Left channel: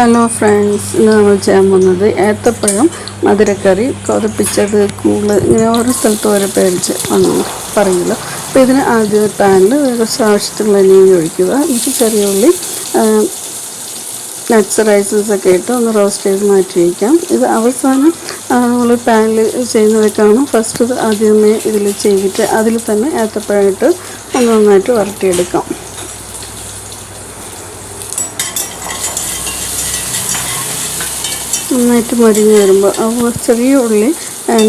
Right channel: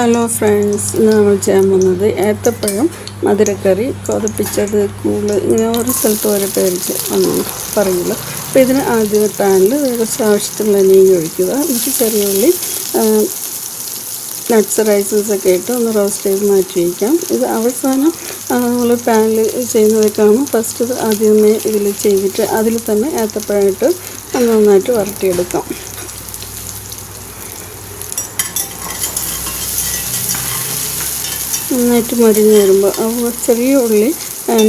Hello friends ഇന്ന് നമ്മൾ ചെയ്യാൻ പോകുന്നത് ഏത്തപ്പഴം മധുരക്കറി കൊതിപ്പിച്ചത് കൂൾ ഇങ്ങനെ ഓരോ സ്ഥലത്ത് ഓരോ പേര് വന്നു പറയുമല്ലോ അപ്പോൾ ഇതിന് ആദ്യം പാനിൽ കുറച്ച് ആവശ്യത്തിനുള്ള എണ്ണ ഒഴിക്കുക. എന്നിട്ട് ചെറിയ ഉള്ളി നട്ട്സ് റൈസസ് ഒക്കെ ഇട്ട് ഒന്ന് റോസ്റ്റ് ചെയ്ത് മാറ്റി വയ്ക്കാം. ഇത് അവസാനം നമ്മൾ പാനിൽ ചെയ്യുന്നതൊക്കെയാണ് ഫസ്റ്റ് ആദ്യമേ ഇതിൽ ചെയ്തിട്ട് അതിൽ തന്നെ ഏത്തപ്പഴം ഇട്ട് നന്നായിട്ട് വരട്ടിയെടുക്കാം. നന്നായിട്ട് മരിഞ്ഞ് വരുമ്പോൾ ആ ചെറിയ ഉള്ളി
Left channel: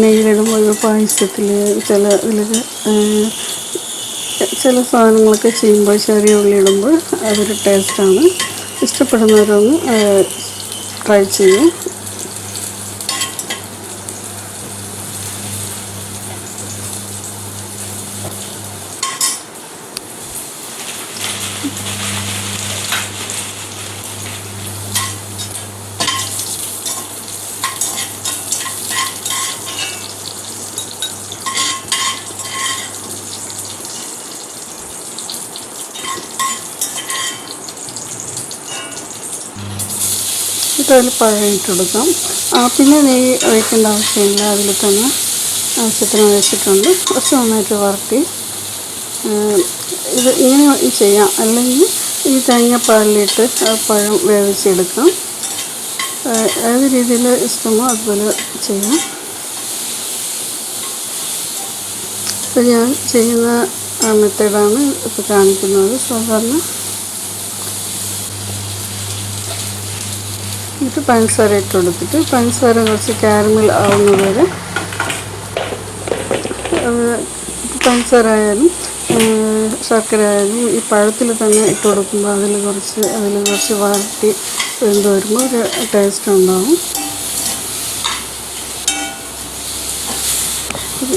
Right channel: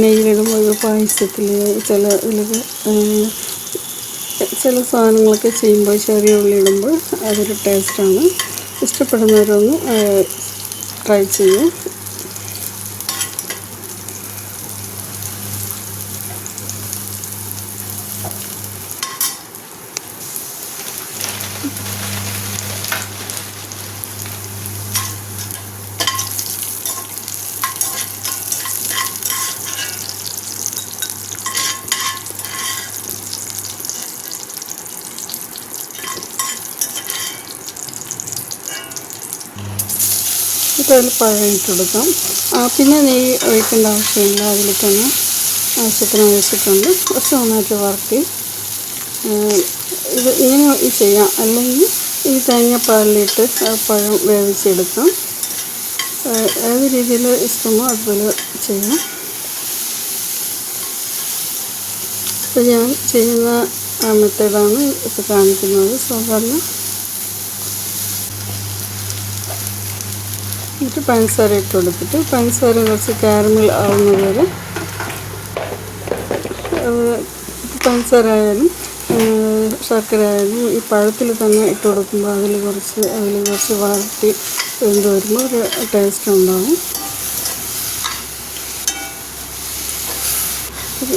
നെയ്യിലിടുമ്പോൾ പായസത്തിൽ ചില ഇതിലൊക്കെ ചില സാധനങ്ങളൊക്കെ ചെയ്യുമ്പോൾ ചെറിയ ഉള്ളി ഇടുമ്പോൾ അതൊരു ടേസ്റ്റാണ്. ഇഷ്ടപ്പെടുന്നവരൊന്ന് ട്രൈ ചെയ്യും. ഇപ്പോൾ അതിൽ പഴം ഇട്ട് പിന്നെ നെയ്യ് ഒഴിക്കേണ്ട ആവശ്യമില്ല. അതിൽ തന്നെ ആവശ്യത്തിന് ഒഴിച്ചിട്ടുണ്ട്. കുറച്ച് നന്നായിട്ട് വറുത്തി ഇത് ഇങ്ങനെ ചെയ്യാം. അല്ലെങ്കിൽ ഈ തേങ്ങാപ്പാലിലിട്ട് ആ പഴം വേവിച്ചെടുക്കാം. ഏത് രീതിയിൽ ഇഷ്ടമോ അതുപോലെ ചെയ്യാം. ഇപ്പോൾ ഞാൻ ചെയ്യുന്ന മെത്തേഡാണ് ഇപ്പോൾ കാണിക്കുന്നത്. സാധാരണ എന്നിട്ട് പഞ്ചസാര ഇട്ട് കൊടുത്തിട്ട് പഞ്ചസാര കുറച്ച് കാരമൽ ആവുന്നതുവരെ പഞ്ചസാര ആയാലും ശർക്കര ആയാലും ഈ പഴത്തിൽ തന്നെ ഇട്ട് കൊടുക്കുമ്പോൾ അതിൽ കുറച്ച് അതിൽ കുറച്ച് വഴറ്റി വെന്ത് വരുമ്പോൾ ഒരു ടേസ്റ്റ് ഉണ്ടാവും.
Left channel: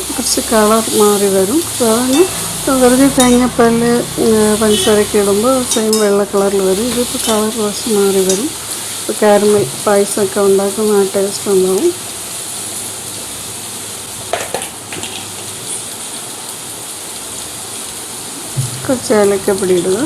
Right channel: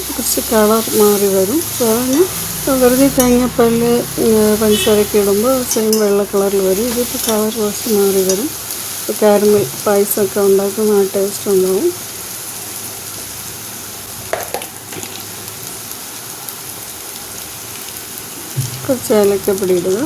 കുറച്ച് കളർ മാറി വരും. സാധാരണ വെറുതെ തേങ്ങാപ്പാലിൽ പഞ്ചസാരയൊക്കെ ഇടുമ്പോൾ സെയിം വെള്ള കളറിൽ വരും. ഇതിപ്പോൾ കളർ കുറച്ച് മാറി വരും. കാരമൽ പായസമൊക്കെ ഉണ്ടാക്കുന്ന ആ ടേസ്റ്റ് ഉണ്ടാവും കുറച്ച് ഏലക്കപ്പൊടി ഇടുക.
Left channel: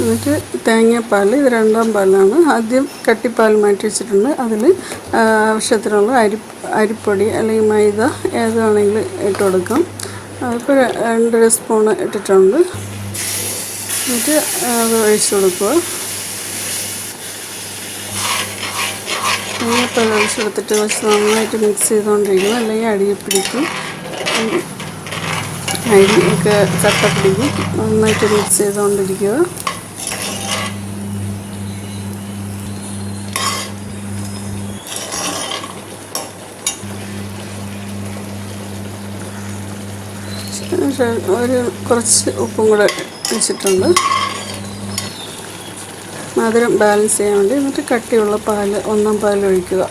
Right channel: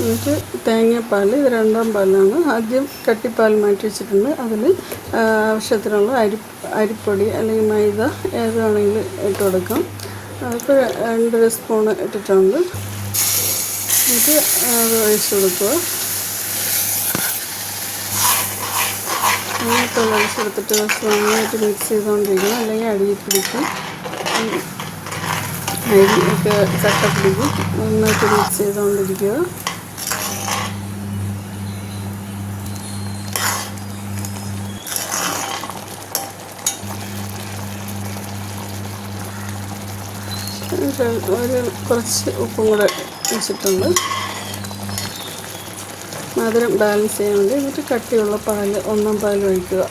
എന്നിട്ട് തേങ്ങാപ്പാൽ ഇത് രണ്ടാം പാലാണ്. ആദ്യം കട്ടിപ്പാൽ മാറ്റി വെച്ചിട്ടുണ്ട് അതിൽ ആവശ്യത്തിനുള്ള അരി അരിപ്പൊടി അല്ലെങ്കിൽ മൈദ ഏതാണെങ്കിലും ഇട്ട് കൊടുക്കാം. അതിപ്പോൾ രണ്ട് സ്പൂണ് ഇട്ടിട്ടുണ്ട്. എന്നിട്ട് അത് ഒഴിച്ച് കൊടുക്കുക. തേങ്ങാപ്പാൽ ഒഴിച്ച് കൊടുത്തിട്ട് കുറച്ച് നന്നായിട്ട് മിക്സ് ചെയ്തുകൊണ്ടിരിക്കണം. അല്ലെങ്കിൽ അടിയിൽ പിടിക്കും. അരി അരിയൊക്കെ കട്ട പിടിക്കും. നന്നായിട്ട് മിക്സ് ചെയ്തുകൊണ്ടിരിക്കുക. ഒരു കുറച്ച് ഉപ്പും കൂടെ വെച്ചിട്ടുണ്ട്. മധുരം ബാലൻസ് ചെയ്യാൻ വേണ്ടി എന്നിട്ട് കട്ടിയുള്ള പാൽ ഒന്നാം പാൽ ഒഴിക്കുക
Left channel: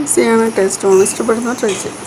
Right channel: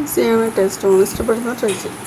ഈസിയാണ് ടേസ്റ്റുമാണ് ഇഷ്ടപ്പെടുന്ന ട്രൈ ചെയ്യും